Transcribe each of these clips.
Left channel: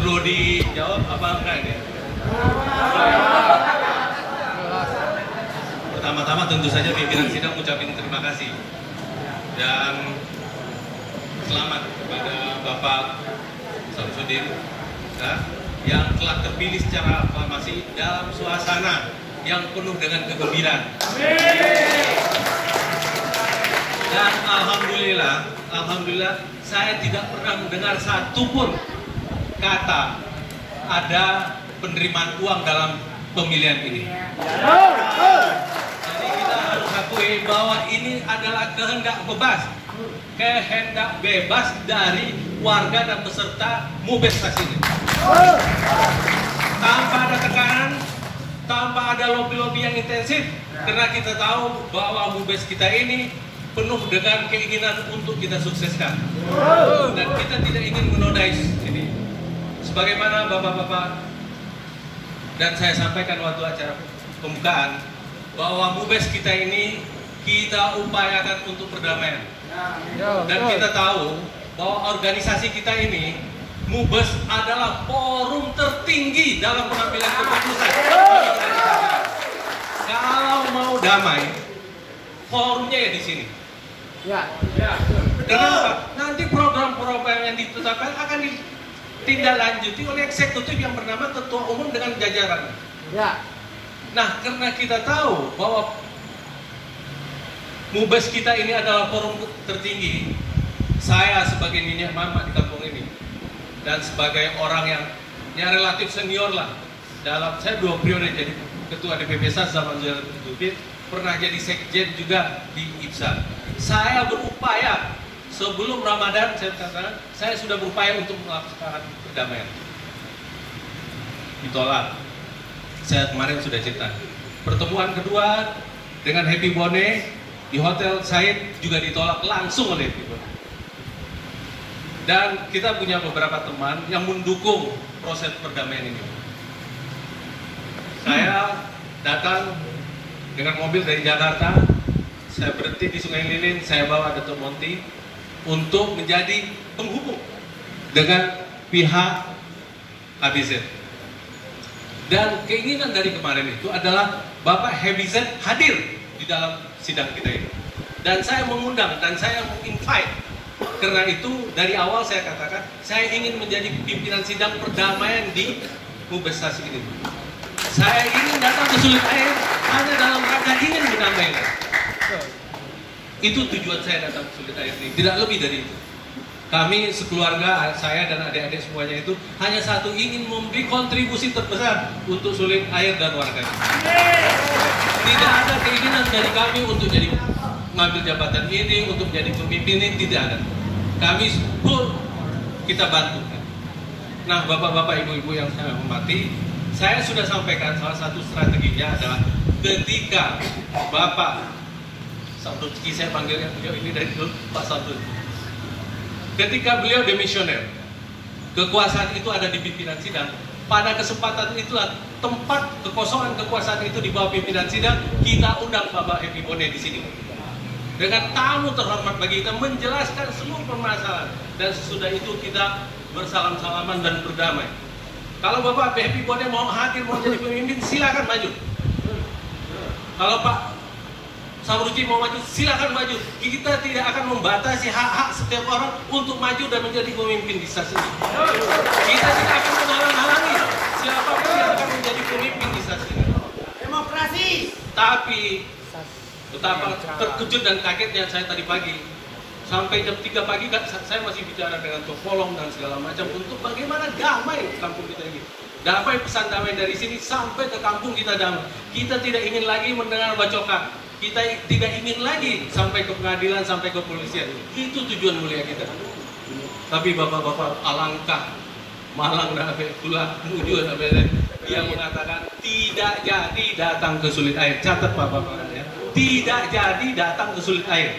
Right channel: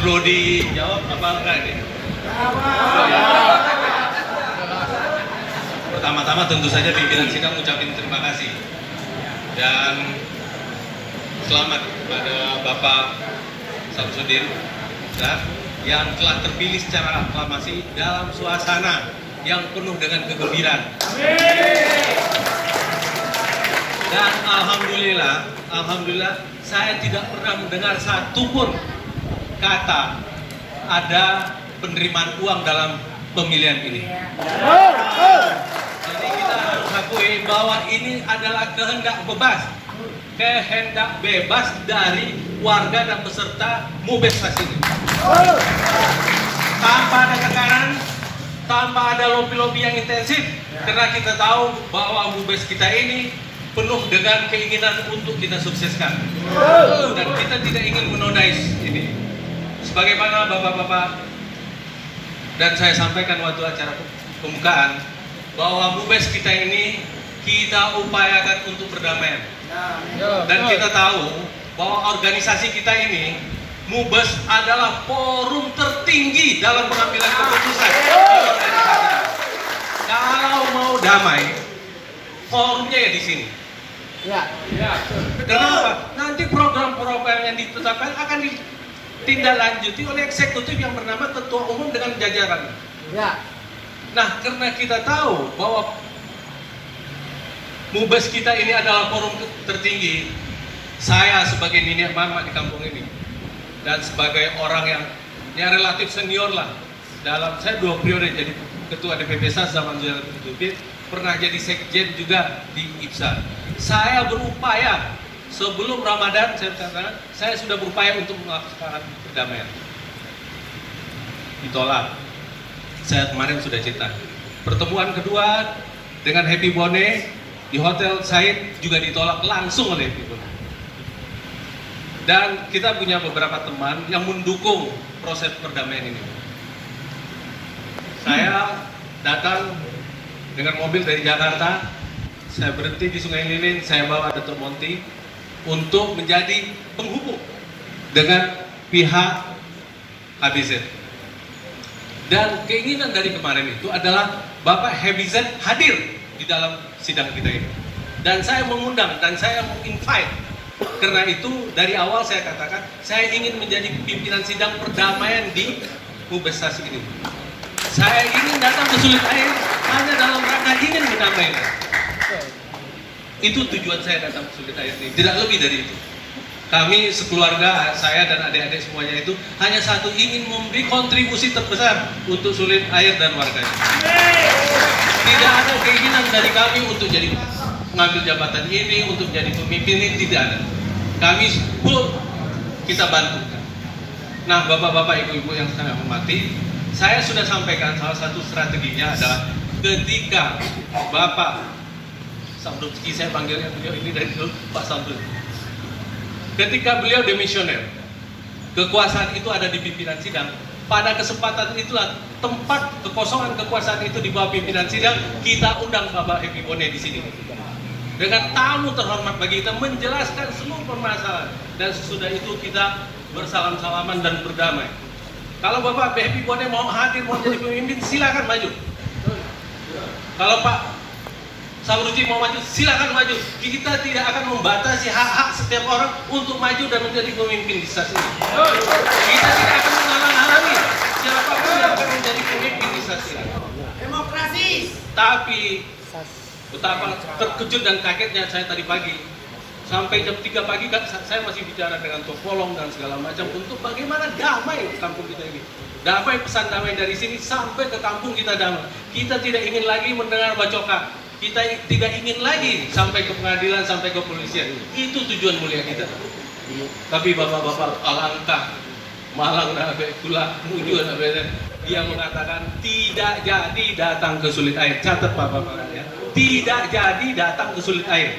Perlu dijawab apa enggak ini? Pertama-tama tentu saja pimpinan sidang ucapin terima kasih dan selamat kepada Bapak Samsudin yang telah terpilih secara aklamasi dalam suasana yang penuh dengan kegembiraan. Dan alhamdulillah saya tidak pernah mendengar satupun kata ada penerimaan uang dalam pemilihan ini. Jadi kita harus akui bahwa ini adalah kehendak bebas dari warga dan peserta Mubes ini. Tanpa ada tekanan, tanpa ada lobby-lobby yang intensif, karena kita tahu bahwa Mubes kita ini penuh dengan keinginan untuk kita sukseskan. Dan kita tidak ingin menodai ini. Sebagaimana Bapak-Bapak dan saya sampaikan waktu acara pembukaan, bahwa Mubes kita ini kita upayakan untuk perdamaian. Dan kita tahu bahwa organisasi kita ini, Mubes adalah forum tertinggi dalam pengambilan keputusan. Kalau mau damai, forumnya ya di sini. Kenapa? Nanti program-program yang ditetapkan akan ditindaklanjuti oleh eksekutif yang bernama Ketua Umum dengan jajaran. Nah, karena kita tahu bahwa Mubes kita ini adalah forum tertinggi, saya sebagai nenek mama di kampung ini dan sebagai orang yang relatif senior lah, dalam saya 2 periode jadi ketua DPP SAS zaman Jalan Terjepit, pernah jadi sekjen juga di IPSA. Saya berupaya sebelum Ramadan, saya sudah berupaya untuk melakukan perdamaian. Ditolak. Saya kemarin sudah cerita. Pertemuan kedua dengan Happy Bone di Hotel Said juga ditolak langsung oleh Happy Bone. Dan kita punya beberapa teman yang mendukung proses perdamaian ini. Saya datang dengan mobil dari Jakarta, saya berhenti di Sungai Lilin, saya bawa Dr. Monti untuk menjadi penghubung dengan pihak HBZ. Dan keinginan dari kemarin itu adalah Bapak HBZ hadir di dalam sidang kita ini. Dan saya mengundang dan saya invite. Karena itu dari awal saya katakan saya ingin menjadi pimpinan sidang perdamaian di Mubes ini. Saya ingin datang ke Sulit Air hanya dalam rangka ingin mendamaikan. Itu tujuan saya datang ke Sulit Air ini, tidak lebih dari itu. Kami sekeluarga, saya dan adik-adik semuanya itu hanya satu, ingin memberi kontribusi terbesar untuk Sulit Air dan warganya. Tidak ada keinginan dari kami untuk jadi mengambil jabatan ini, untuk jadi pemimpin ini, tidak ada. Kami full kita bantu. Nah, bapak-bapak, ibu-ibu yang saya hormati, saya sudah sampaikan salah satu strateginya adalah ketika Bapak Samsudin, saya panggilnya beliau ini dari dulu Pak Samsudin. Ketika beliau demisioner, kekuasaan itu ada di pimpinan sidang. Pada kesempatan itulah tempat kekosongan kekuasaan itu di bawah pimpinan sidang, kita undang Bapak Happy Bone di sini. Dengan tamu terhormat bagi kita menjelaskan seluruh permasalahan, dan sesudah itu kita bersalam-salaman dan berdamai. Kalau Bapak Happy Bone mau hadir, mau jadi pemimpin, silakan maju. Kalau Pak Samsudin mau maju, silakan maju. Kita tidak akan membatasi hak-hak setiap orang untuk maju dan menjadi pemimpin di stasiun ini. Kita tidak akan menghalang-halangi siapapun yang akan menjadi pemimpin di stasiun ini. Demokrasi. Tapi betapa terkejut dan kagetnya saya tadi pagi. Sampai jam 3 pagi kan saya masih bicara dengan Topolong dan segala macam untuk bagaimana damai di kampung kita ini. Damai, pesan damai dari sini sampai ke kampung kita damai. Kita tidak ingin lagi mendengar bacokan. Kita tidak ingin lagi sampai ke pengadilan, sampai ke kepolisian. Itu tujuan mulia kita. Tapi bapak-bapak, alangkah malang dah pula mujur dia mengatakan tidak jadi datang ke Sulit Air. Catat bapak-bapak ya. Tidak jadi datang ke Sulit Air.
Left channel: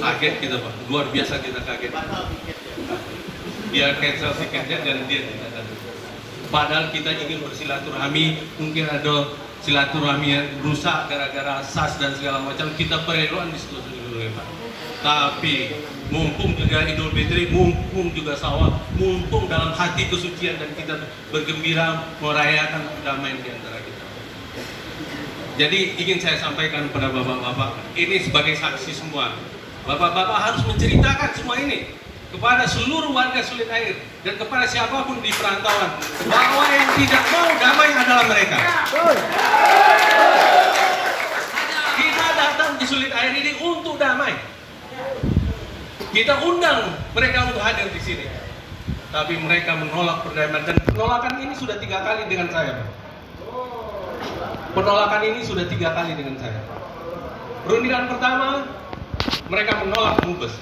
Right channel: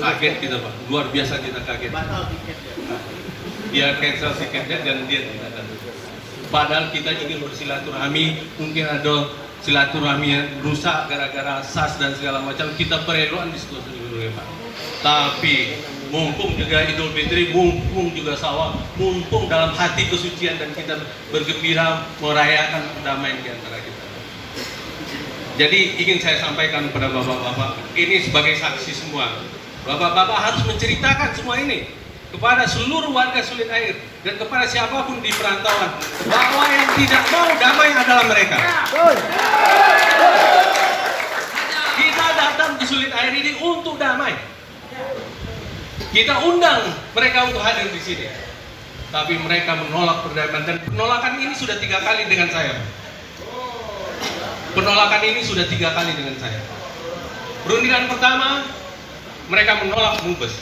Kaget kita Pak, luar biasa kita kaget. Dia cancel tiketnya dan dia tidak datang. Padahal kita ingin bersilaturahmi, mungkin ada silaturahmi yang rusak gara-gara SAS dan segala macam, kita pereluan di situ. Tapi mumpung juga Idul Fitri, mumpung juga sawal, mumpung dalam hati kesucian dan kita bergembira merayakan damai di antara kita. Jadi ingin saya sampaikan kepada bapak-bapak, ini sebagai saksi semua. Bapak-bapak harus menceritakan semua ini kepada seluruh warga Sulit Air dan kepada siapapun di perantauan bahwa yang tidak mau damai adalah mereka. Kita datang ke Sulit Air ini untuk damai. Kita undang mereka untuk hadir di sini, tapi mereka menolak perdamaian dan penolakan ini sudah 3 kali dengan saya. Penolakan ini sudah 3 kali dengan saya. Perundingan pertama, mereka menolak Mubes.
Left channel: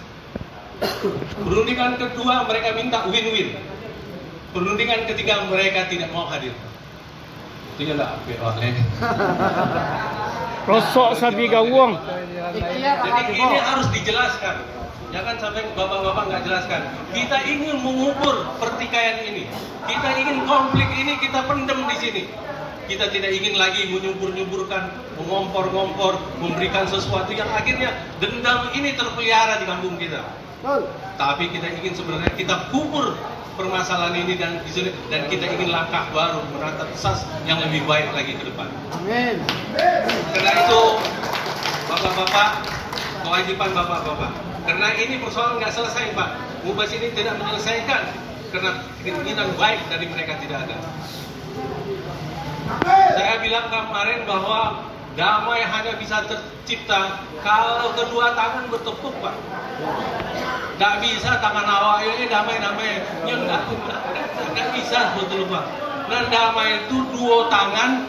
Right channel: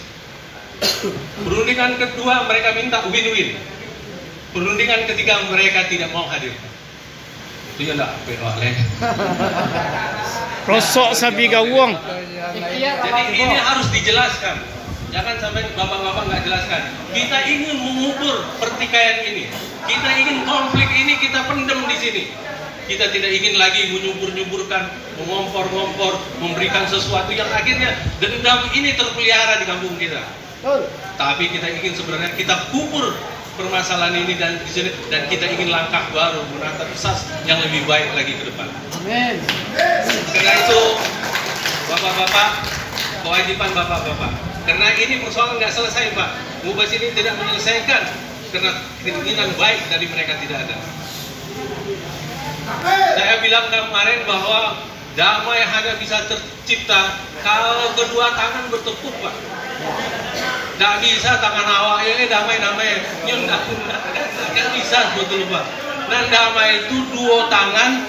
Perundingan kedua, mereka minta win-win. Perundingan ketiga, mereka tidak mau hadir. Itu ya enggak, Rosok sabi gawang. Jadi ini harus dijelaskan. Jangan sampai bapak-bapak nggak jelaskan. Kita ingin mengubur pertikaian ini. Kita ingin konflik ini kita pendem di sini. Kita tidak ingin lagi menyubur-nyuburkan, mengompor-ngompor, memberikan sesuatu yang akhirnya dendam ini terpelihara di kampung kita. Tapi kita ingin sebenarnya kita kubur permasalahan ini dan di sini, dan kita ingin langkah baru menatap SAS yang lebih baik lagi ke depan. Amin. Karena itu, bapak-bapak, kewajiban bapak-bapak. Karena ini persoalan nggak selesai, Pak. Mubas ini tidak menyelesaikan karena keinginan baik dari mereka tidak ada. Saya bilang kemarin bahwa damai hanya bisa tercipta kalau kedua tangan bertepuk, Pak. Nggak bisa tangan awalnya damai-damai, nggak bisa betul, Pak. Dan damai itu 2 tangan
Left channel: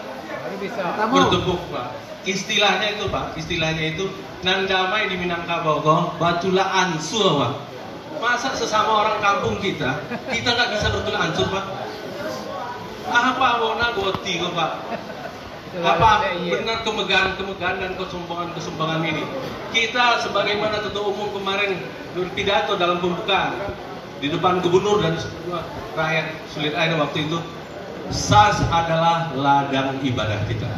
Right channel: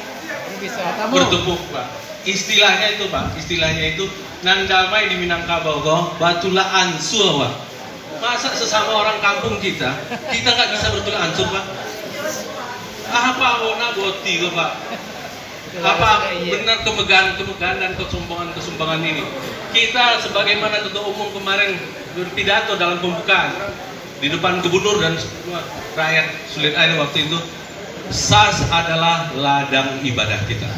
bertepuk, Pak. Istilahnya itu, Pak, istilahnya itu nan damai di Minangkabau kok batula ansur, Pak. Masa sesama orang kampung kita nggak bisa bertula ansur, Pak? Apa wona goti kok, Pak? Apa benar kemegahan dan kesombongan ini? Kita sebagaimana Ketua Umum kemarin berpidato dalam pembukaan di depan gubernur dan semua rakyat Sulit Air waktu itu, SAS adalah ladang ibadah kita.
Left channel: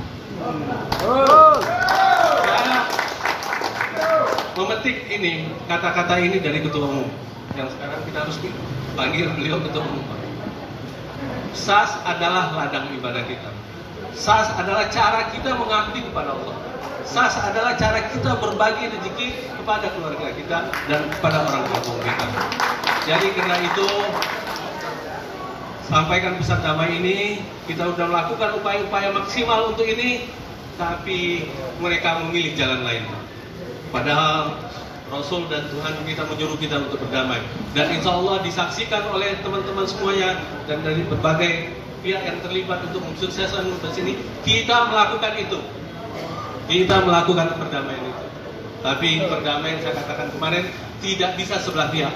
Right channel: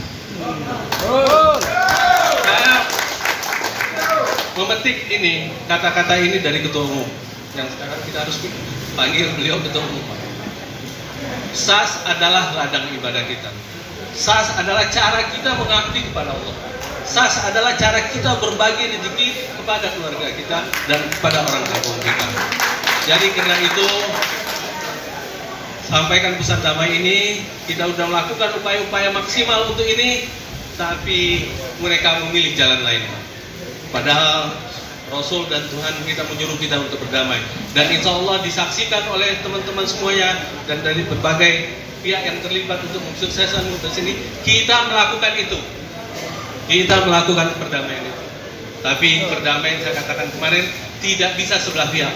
Saya memetik ini, kata-kata ini dari Ketua Umum yang sekarang kita harus panggil beliau Ketua Umum. SAS adalah ladang ibadah kita. SAS adalah cara kita mengabdi kepada Allah. SAS adalah cara kita berbagi rezeki kepada keluarga kita dan kepada orang kampung kita. Jadi karena itu, sampaikan pesan damai ini, kita sudah melakukan upaya-upaya maksimal untuk ini, tapi mereka memilih jalan lain. Padahal Rasul dan Tuhan kita menyuruh kita untuk berdamai. Dan insya Allah disaksikan oleh teman-teman semuanya dan dari berbagai pihak yang terlibat untuk mensukseskan Mubas ini, kita melakukan itu. Kita melakukan perdamaian itu. Tapi perdamaian saya katakan kemarin tidak bisa sebelah pihak.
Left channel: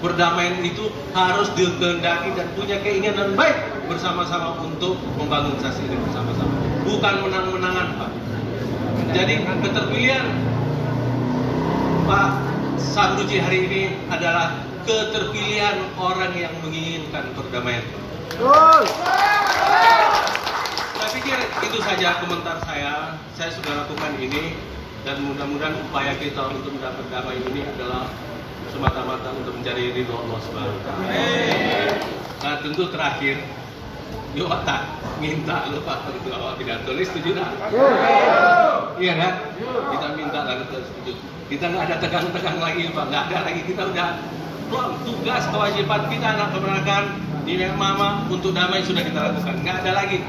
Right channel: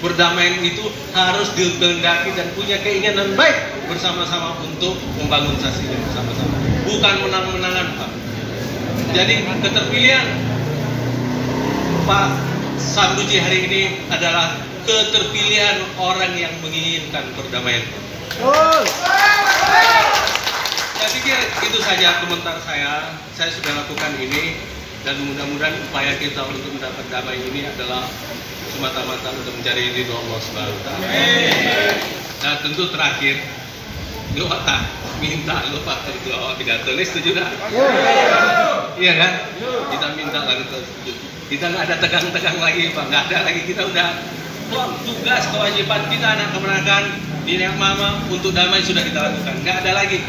Perdamaian itu harus dikehendaki dan punya keinginan baik bersama-sama untuk membangun SAS ini bersama-sama. Bukan menang-menangan, Pak. Jadi keterpilihan Pak Sambuji hari ini adalah keterpilihan orang yang menginginkan perdamaian. Saya pikir itu saja komentar saya. Saya sudah lakukan ini dan mudah-mudahan upaya kita untuk mendapat damai ini adalah semata-mata untuk mencari ridho Allah Subhanahu wa Ta'ala. Nah, tentu terakhir doa tak minta lupa tentu awal pidato ini setuju tak? Iya kan? Kita minta lagi setuju. Kita nggak ada tegang-tegang lagi, Pak. Nggak ada lagi. Kita udah tugas kewajiban kita anak kemenakan di Mama untuk damai sudah kita lakukan. Nggak ada lagi